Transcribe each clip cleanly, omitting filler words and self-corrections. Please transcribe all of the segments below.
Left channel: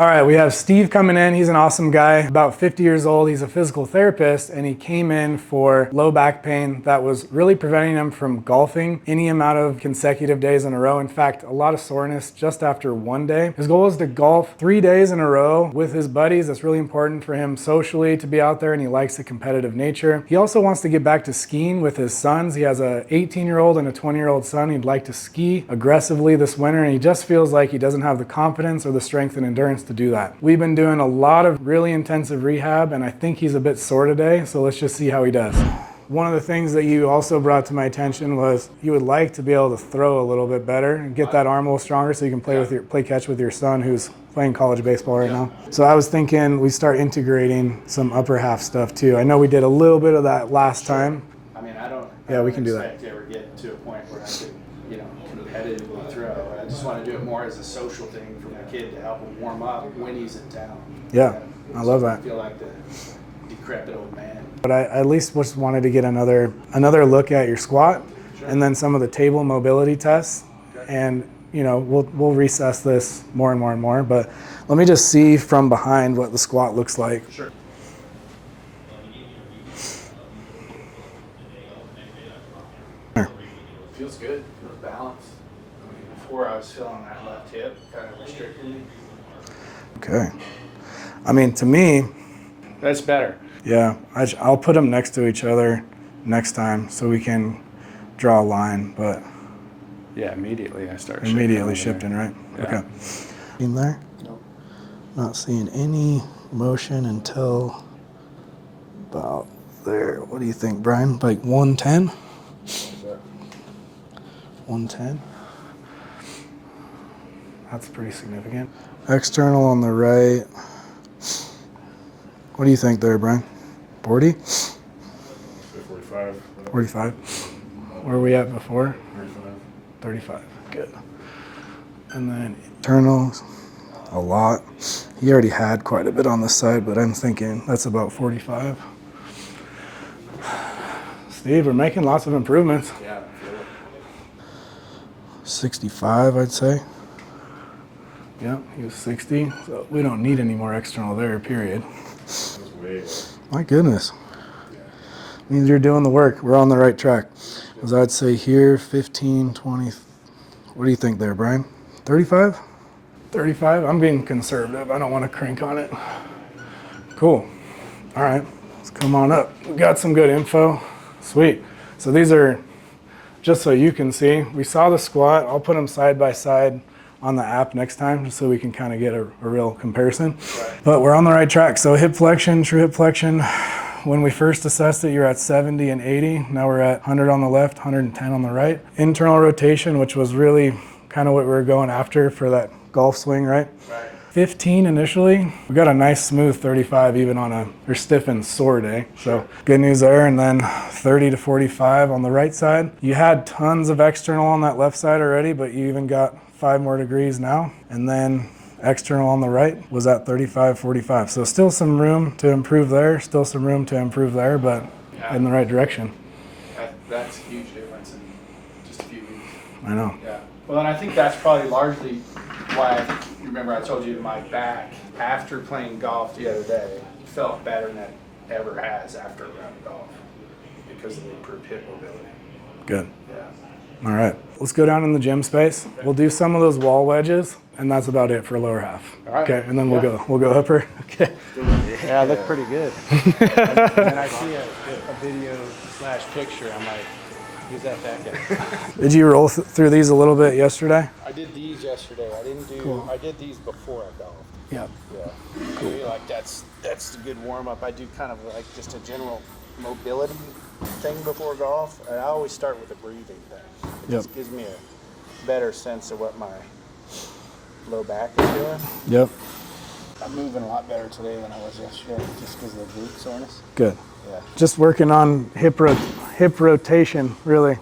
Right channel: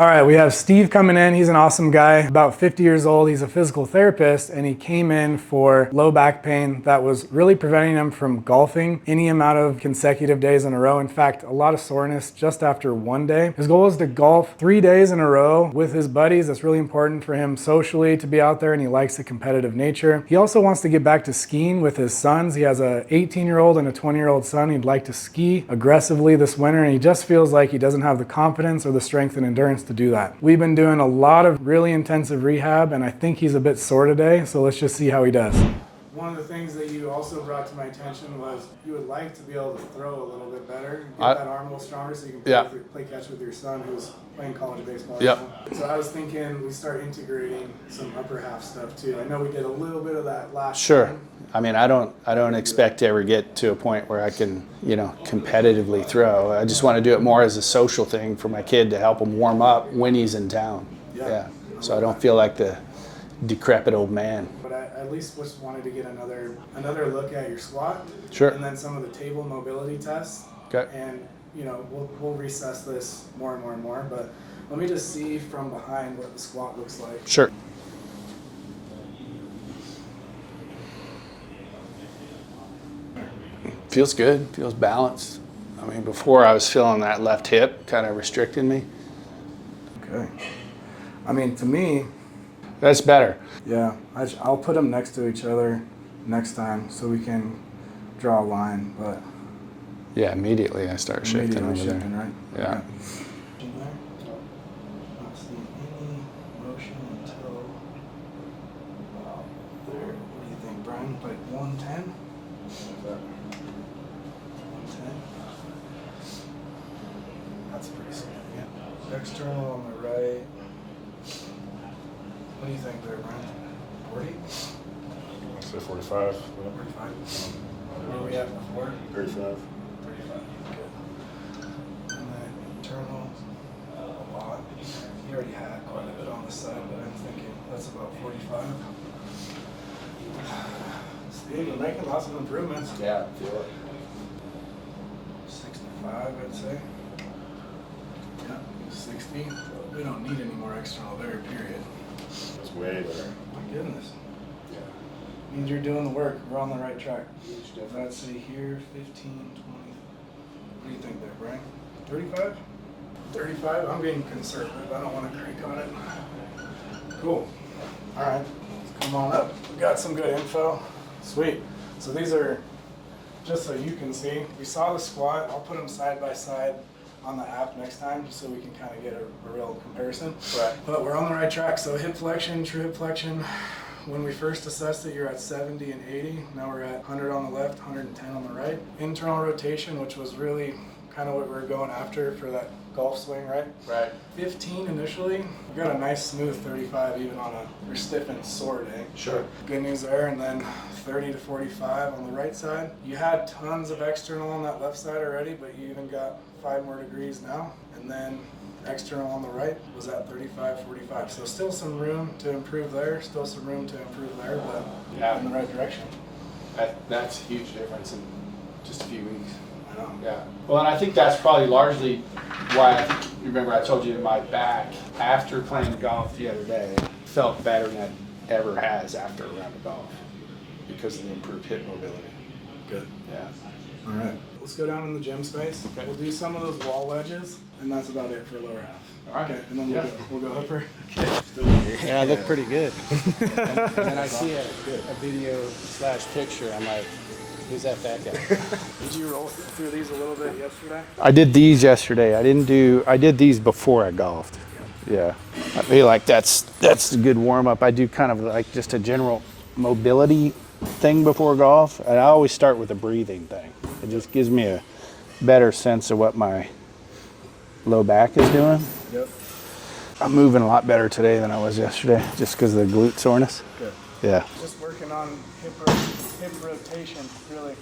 All right, we have Steve coming in. He's an awesome guy, about 50 years old. He's a physical therapist, and he came in for low back pain that was really preventing him from golfing any amount of consecutive days in a row. In fact, a lot of soreness just after one day. His goal is to golf 3 days in a row with his buddies. That's really important for him socially to be out there, and he likes the competitive nature. He also wants to get back to skiing with his sons. He has a 18-year-old and a 20-year-old son. He'd like to ski aggressively this winter, and he just feels like he doesn't have the confidence or the strength and endurance to do that. We've been doing a lot of really intensive rehab, and I think he's a bit sore today, so let's just see how he does. One of the things that you also brought to my attention was you would like to be able to throw a little bit better and get that arm a little stronger so you can play catch with your son who's playing college baseball right now. So I was thinking we start integrating some upper half stuff too. I know we did a little bit of that last time. I mean, I don't expect to ever get to a point where I can, competitively throw. I just want to do it more as a social thing for my kid to help him warm up when he's in town. I love that. I don't feel like the decrepit old man. But I at least just wanted to get another look at your squat. Sure. And then some of the table mobility tests. Okay. And we'll recess this more and more and more. But let me just see from behind what the squat looks like. Sure. Feels good, feels balanced. I mean, before I was feeling that left hip kind of restricting me. Okay. I mean, to me, that's better. Yeah, I'll put them next to each other next time so we can draw a line, but. Yeah, immediately I start shifting. Immediately shifting, right? Yeah. Okay. In there? Not seeing any motion until about there. What do you think, Brian? Like 110? 110. That's pretty significant. External on the right. What do you think there, Brian? 40? I'd say 45. 45. Where were we at before? 35. 35. Good. And then internals, a lot. He already had quite a bit on the side, but I'm thinking that's about 45. Steve, we're making lots of improvements. Yeah, I feel it. 65, I'd say. Yeah, he was 60. So we don't need any more external there, period. That's way better. My goodness. Means you're doing the work. We're on the right track. As I'd say here, 15, 20. What do you think there, Brian? 35? 35? I'm being conservative. I don't want to crank on it. Cool. All right. Let's come on up. We got some good info. Sweet. So these are, just so you can see, we saw the squat. I'll put them side by side on the app next time just so we can kind of get a real comparison. Right. But we're on the right track. So hip flexion, true hip flexion. When we first assessed it, you're at 70 and 80. Now we're at 100 on the left, 110 on the right. Internal rotation, which was really kind of what we were going after for that golf swing, right? Right. 15 initially. We got a nice smooth 35 even on a stiff and sore day. So good news there. And then 30 to 45 on the right side. You had tons of external on that left side already, but you even got 5 more degrees now. And then external on the right was at 35, 45. So still some room to improve there, still some room to improve there, but in the right direction. That's a huge difference in just a few weeks. I know. Yeah. Well, and I think that's probably largely why I think you remember I told you my back after playing golf the other day felt better than it ever has after a round of golf because of the improved hip mobility. Good. Yeah. All right. Let's go down in the gym space. Okay. We'll do some of those wall wedges, and that's about it for lower half. All right. Okay, and then we'll go upper. Okay. Yeah, I look pretty good. And I see a video / picture. I'm like, who's that fat guy? Did you roll through these a little bit yesterday? I did these yesterday. I did these before I golfed. Yeah. Yeah. I feel like that's a good warm up. I do kind of like just a general mobility thing before golf, and I always start with a breathing thing. It just gives me a better sense of what my low back is doing. Yep. I'm moving a lot better today than I was yesterday, just because of the glute soreness. Good. Yeah. Just working on hip rotation, really.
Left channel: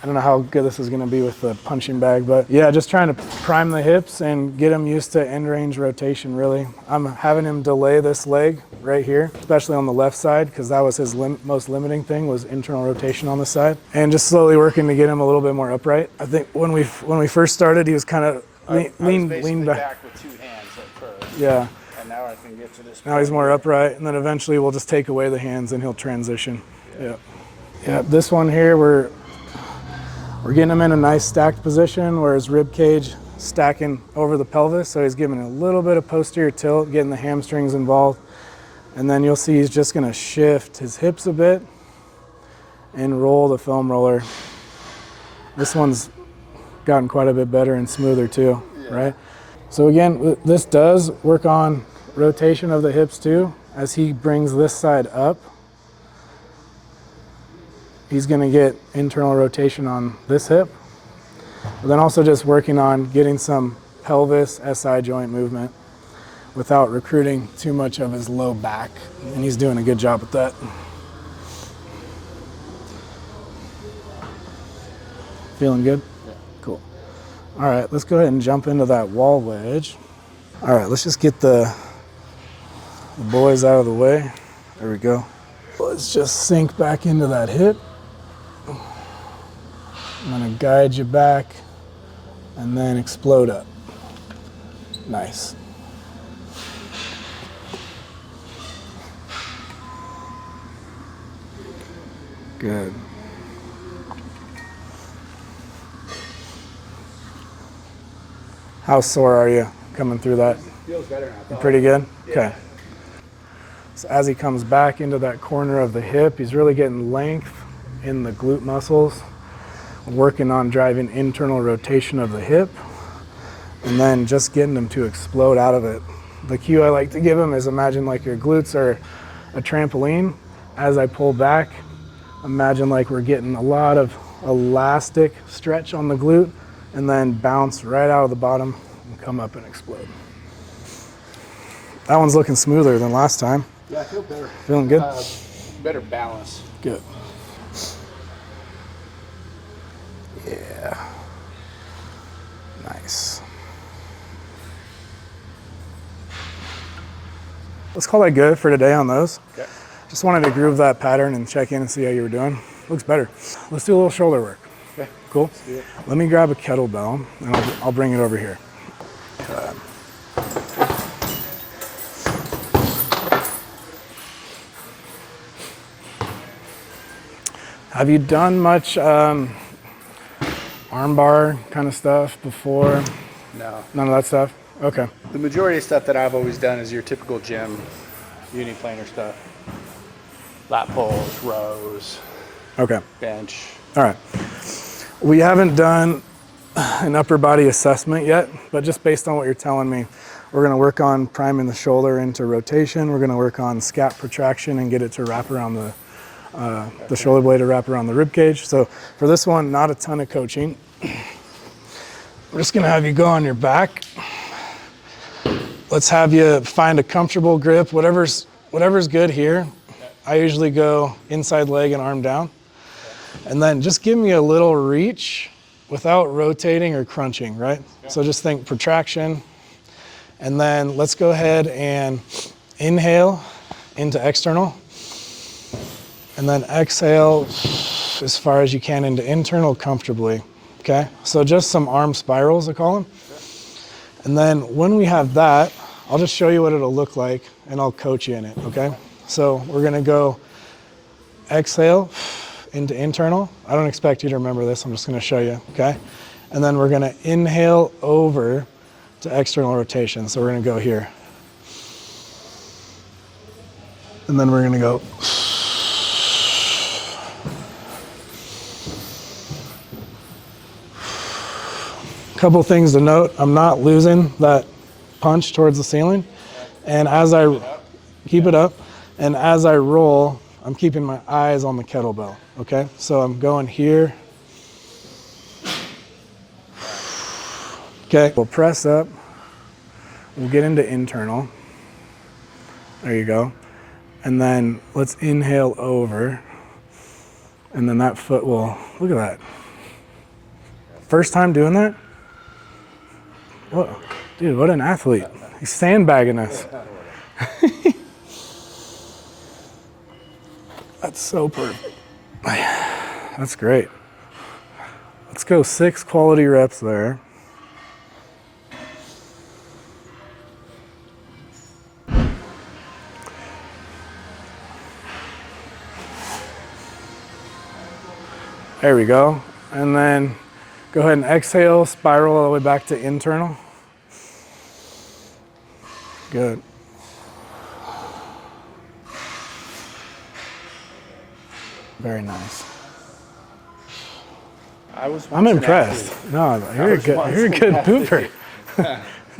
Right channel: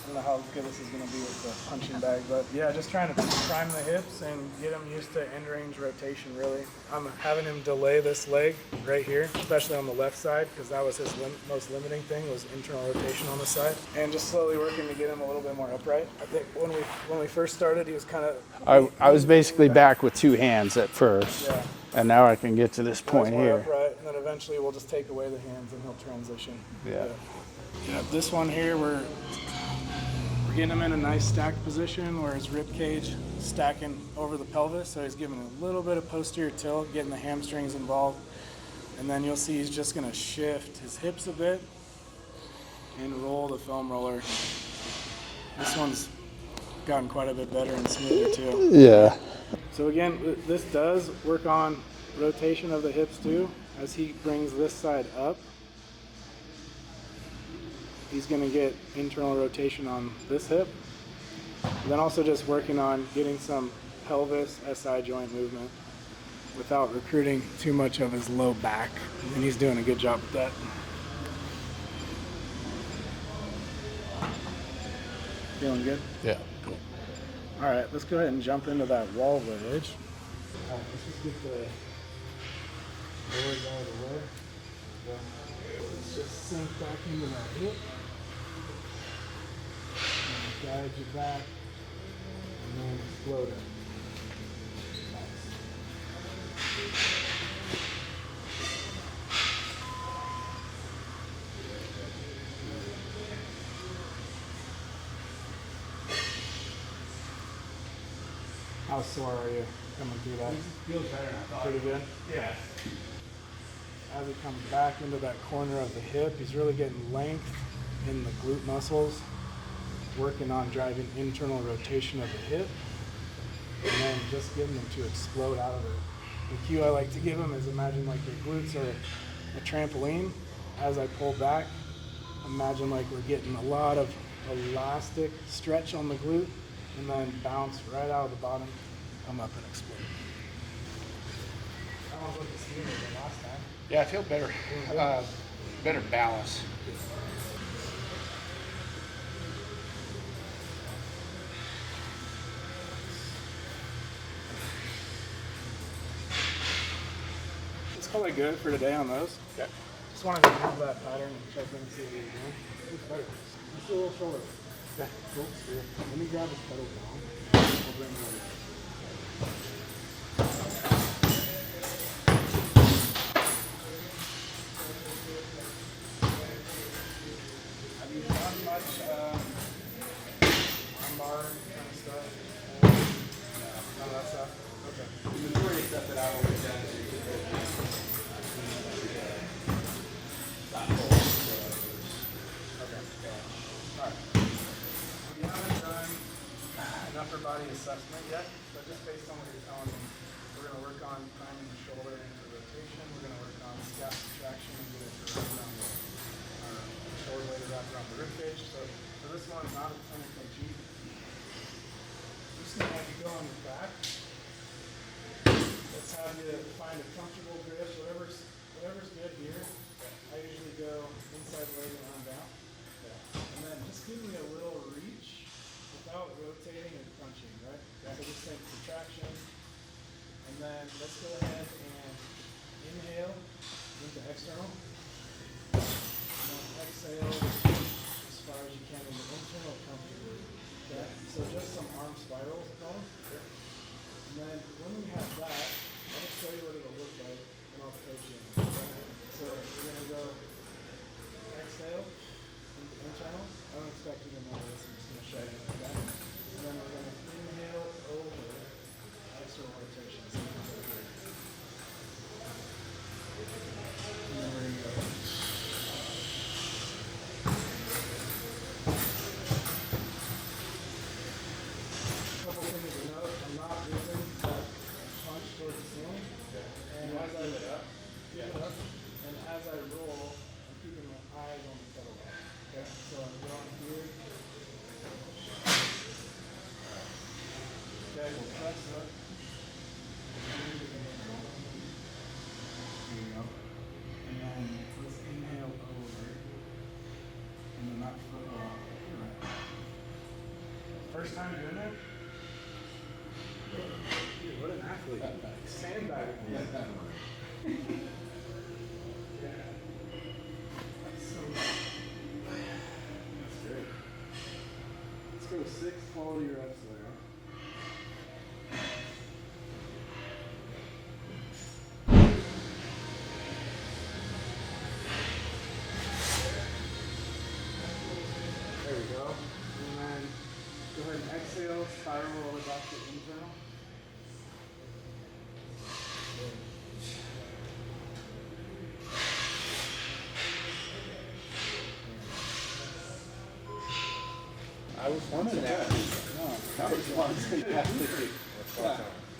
I don't know how good this is going to be with the punching bag, but yeah, just trying to prime the hips and get him used to end range rotation, really. I'm having him delay this leg right here, especially on the left side, because that was his most limiting thing, was internal rotation on the side. And just slowly working to get him a little bit more upright. I think when we first started, he was kind of I was basically lean back with 2 hands at first. Yeah. And now I can get to this point. Now he's more here. upright, and then eventually we'll just take away the hands and he'll transition. Yeah. Yeah. This one here, we're getting him in a nice stacked position where his rib cage stacking over the pelvis, so he's giving a little bit of posterior tilt, getting the hamstrings involved, and then you'll see he's just going to shift his hips a bit and roll the foam roller. This one's gotten quite a bit better and smoother too. Yeah. Right? So again, this does work on rotation of the hips too. As he brings this side up, he's going to get internal rotation on this hip, but then also just working on getting some pelvis SI joint movement without recruiting too much of his low back. And he's doing a good job with that. Feeling good? Yeah. Cool. All right, let's go ahead and jump into that wall wedge. All right, let's just get the boys out of the way. There we go. Let's just sink back into that hip. I'm gonna guide you back and then explode up. Nice. Good. How sore are you coming through that? Feels better now. Pretty good? Yeah. Okay. So as he comes back into that corner of the hip, he's really getting length in the glute muscles, working on driving internal rotation of the hip, and then just getting him to explode out of it. The cue I like to give him is imagine like your glutes are a trampoline. As I pull back, imagine like we're getting a lot of elastic stretch on the glute, and then bounce right out of the bottom and come up and explode. That one's looking smoother than last time. Yeah, I feel better. Feeling good? Better balance. Good. Yeah. Nice. Let's call that good for today on those. Okay. Just wanted to groove that pattern and check in and see how you were doing. Looks better. Let's do a little shoulder work. Okay. Cool. Let me grab a kettlebell and I'll bring it over here. Have you done much arm bar kind of stuff before? No. None of that stuff? Okay. The majority of stuff that I've always done is your typical gym, uniplanar stuff. Lat pulls, rows, Okay. bench. All right. We haven't done an upper body assessment yet, but just based on what you're telling me, we're going to work on priming the shoulder into rotation. We're going to work on scap protraction and get it to wrap around the shoulder blade to wrap around the rib cage. So for this one, not a ton of coaching. We're just going to have you go on your back. Let's have you find a comfortable grip, whatever's good here. I usually go inside leg and arm down. And then just give me a little reach without rotating or crunching, right? So just think protraction. And then let's go ahead and inhale into external. And then exhale as far as you can into internal comfortably, okay? So just some arm spirals, I call them. And then when we have that, I'll just show you what it'll look like and I'll coach you in it, okay? So we're gonna go exhale into internal. I don't expect you to remember this, I'm just gonna show you, okay? And then we're gonna inhale over to external rotation. So we're gonna go here. And then we're gonna go. Couple things to note, I'm not losing that punch towards the ceiling. And as I keep it up, and as I roll, I'm keeping my eyes on the kettlebell, okay? So I'm going here. Okay, we'll press up. We'll get into internal. There you go. And then let's inhale over. And then that foot will, look at that. First time doing that? What, dude, what an athlete. He's sandbagging us. That's so perfect. That's great. Let's go 6 quality reps there. There we go. And then go ahead and exhale, spiral all the way back to internal. Good. Very nice. I'm impressed. No, you're a good pooper.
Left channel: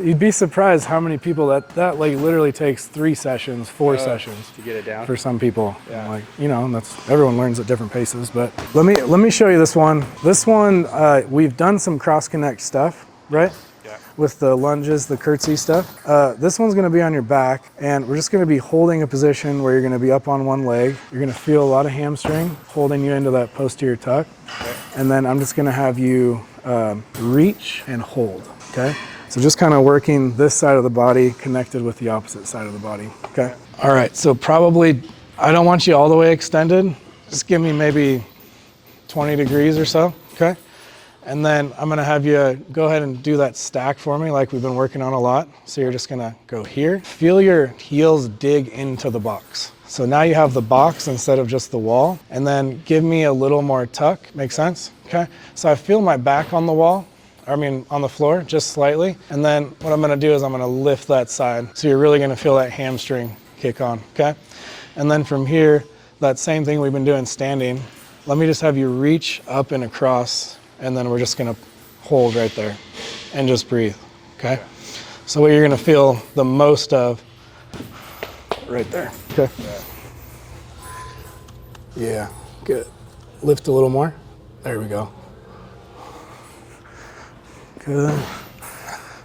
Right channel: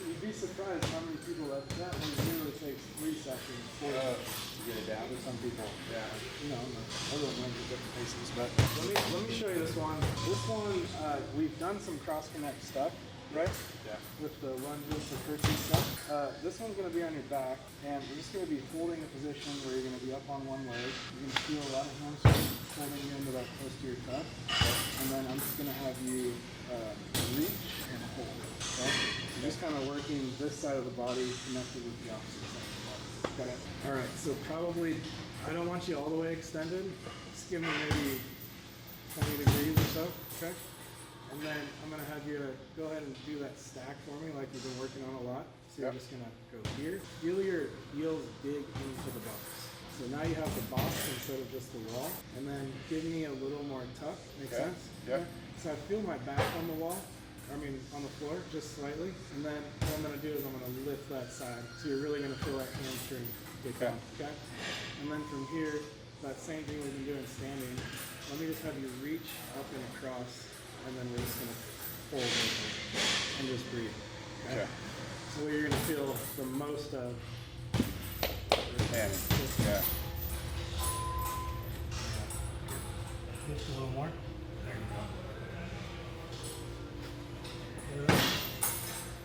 You'd be surprised how many people that like literally takes 3 sessions, 4 sessions to get it down. for some people. Yeah. Like, you know, that's everyone learns at different paces. But let me show you this one. This one we've done some cross connect stuff, right? Yeah. With the lunges, the curtsy stuff. This one's going to be on your back, and we're just going to be holding a position where you're going to be up on one leg. You're going to feel a lot of hamstring holding you into that posterior tuck. And then I'm just gonna have you reach and hold, okay? So just kind of working this side of the body connected with the opposite side of the body, okay? All right, so probably, I don't want you all the way extended. Just give me maybe 20 degrees or so, okay? And then I'm gonna have you go ahead and do that stack for me like we've been working on a lot. So you're just gonna go here. Feel your heels dig into the box. So now you have the box instead of just the wall, and then give me a little more tuck. Make sense? Okay. So I feel my back on the wall, on the floor, just slightly. And then what I'm gonna do is I'm gonna lift that side. So you're really gonna feel that hamstring kick on, okay? And then from here, that same thing we've been doing standing, let me just have you reach up and across, and then we're just gonna hold right there and just breathe, okay? So what you're gonna feel the most of right there. Okay. Yeah, good. Lift a little more. There we go. Good.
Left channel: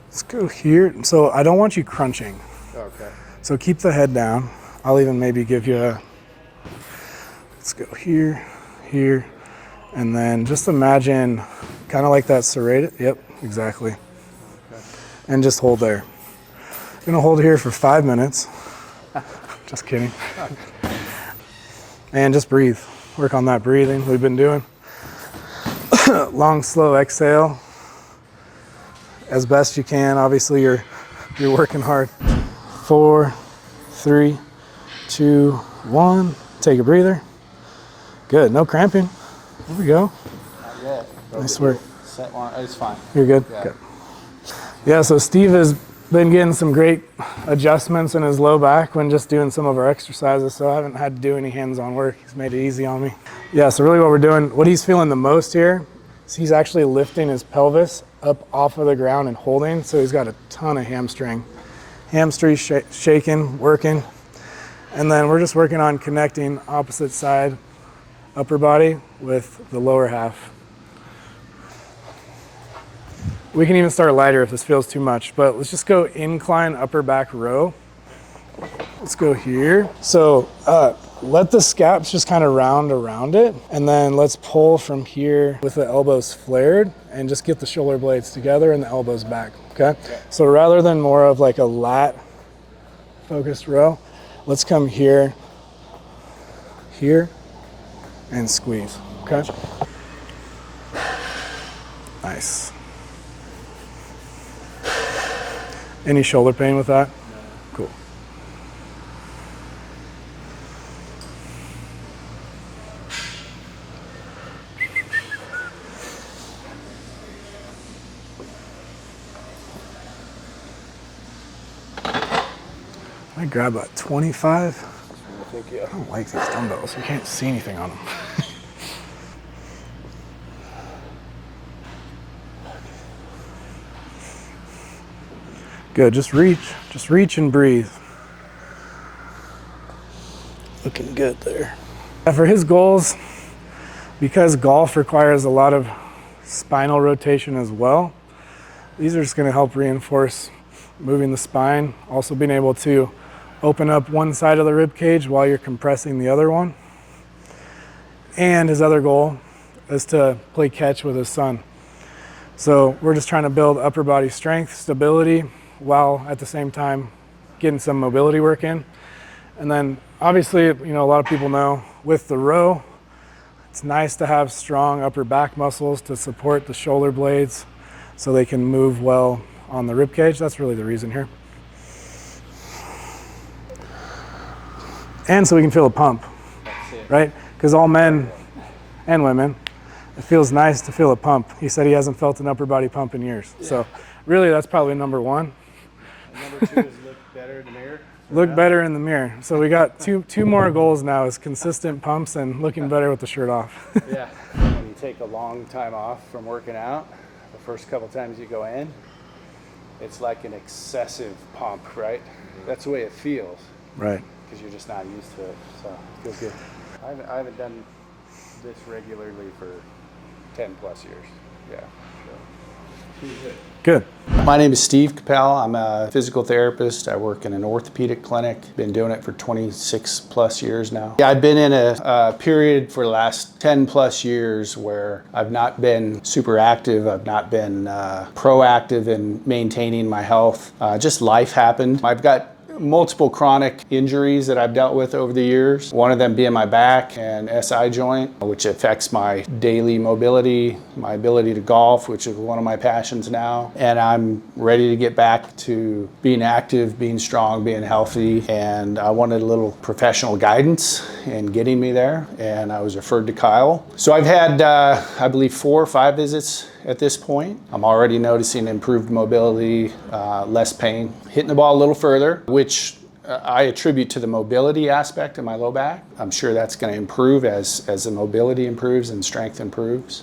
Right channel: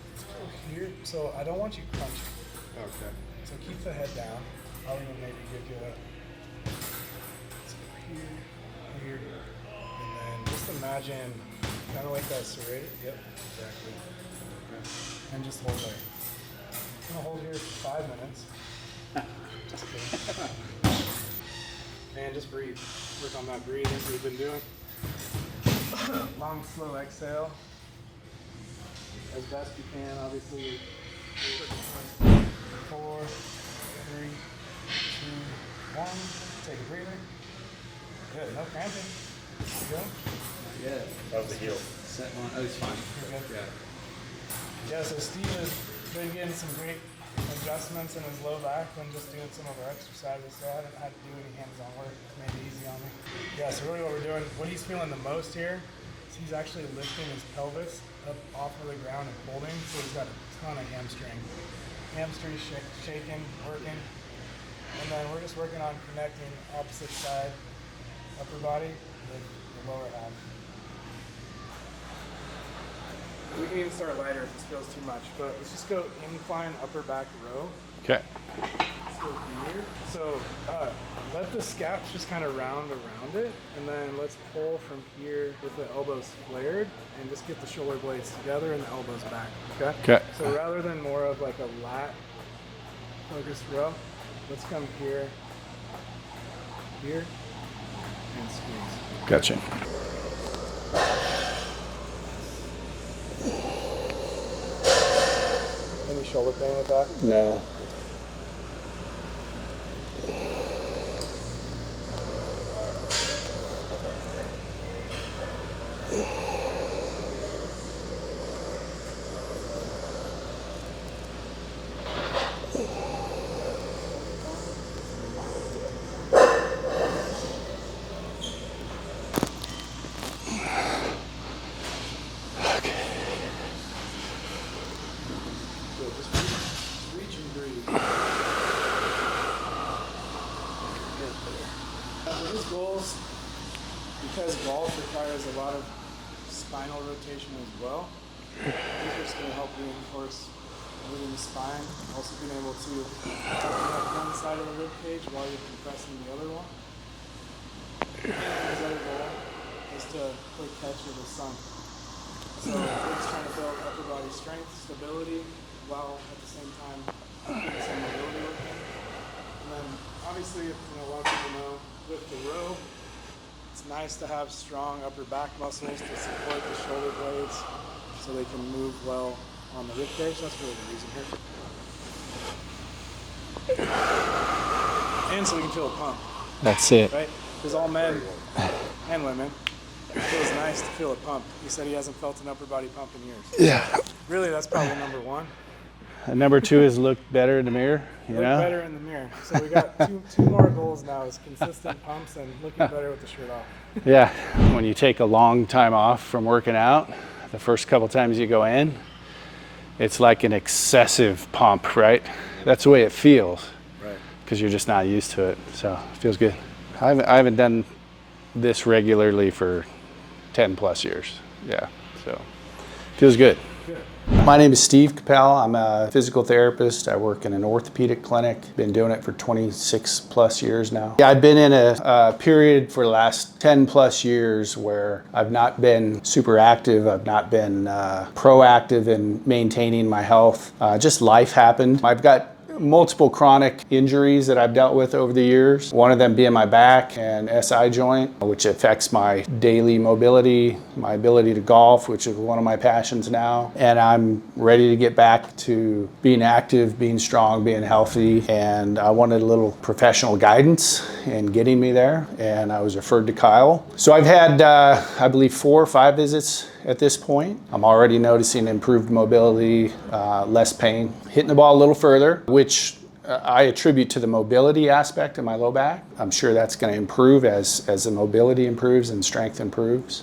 Let's go here. So I don't want you crunching. Okay. So keep the head down. I'll even maybe give you a, let's go here, here, and then just imagine kind of like that serrated. Yep, exactly. Okay. And just hold there. I'm gonna hold here for 5 minutes. Just kidding. And just breathe. Work on that breathing we've been doing. Long, slow exhale. As best you can. Obviously, you're working hard. 4, 3, 2, 1. Take a breather. Good. No cramping. There we go. Not yet. Nice work. Set one. Oh, it's fine. You're good. Yeah. Good. Yeah. So Steve has been getting some great adjustments in his low back when just doing some of our exercises, so I haven't had to do any hands-on work. He's made it easy on me. Yeah, so really what we're doing, what he's feeling the most here is he's actually lifting his pelvis up off of the ground and holding, so he's got a ton of hamstring. Hamstring shaking, working, and then we're just working on connecting opposite side upper body with the lower half. We can even start lighter if this feels too much, but let's just go incline upper back row. Okay. Let's go here. So let the scaps just kind of round around it, and then let's pull from here with the elbows flared and just get the shoulder blades together and the elbows back, okay? Okay. So rather than more of like a lat focused row, let's come here, here, and squeeze, okay? Gotcha. Nice. Any shoulder pain with that? No. Cool. I grab about 25. I don't like these dumbbells. You can't see anything on them. Good, just reach and breathe. Looking good there. For his goals, because golf requires a lot of spinal rotation as well, these are just gonna help reinforce moving the spine, also being able to open up one side of the rib cage while you're compressing the other one. And his other goal is to play catch with his son. So we're just trying to build upper body strength, stability, while at the same time getting some mobility work in. And then obviously, you know, a lot of people know with the row, it's nice to have strong upper back muscles to support the shoulder blades so they can move well on the rib cage. That's really the reason here. And so we can feel a pump. That's it. Right? Because all men and women It feels nice to feel a pump. He said he hasn't felt an upper body pump in years. Yeah. So really, that's probably number one. And number two is look better in the mirror. Look better in the mirror. So we got two more goals now: is consistent pumps and looking better with the shirt off. Yeah. When you take a long time off from working out, the first couple times you go in, it's like an excessive pump, right? That's the way it feels. Right. Because you're just not used to it. So it feels good. I haven't done this regularly for 10 plus years. Yeah. So feels good. Good. My name is Steve Capel. I'm a physical therapist. I work in an orthopedic clinic. Been doing it for 26 plus years now. Yeah, I've been in a period for the last 10 plus years where I've not been super active. I've not been proactive in maintaining my health. Just life happened. I've got multiple chronic injuries that I've dealt with over the years. One of them being my back and SI joint, which affects my daily mobility, my ability to golf, which is one of my passions now. And I'm ready to get back to being active, being strong, being healthy. And I wanted a little professional guidance in getting me there. And I was referred to Kyle. So I've had, I believe, 4 or 5 visits at this point. I'm already noticing improved mobility, less pain, hitting the ball a little further, which I attribute to the mobility aspect of my low back. I'm sure that's going to improve as the mobility improves and strength improves.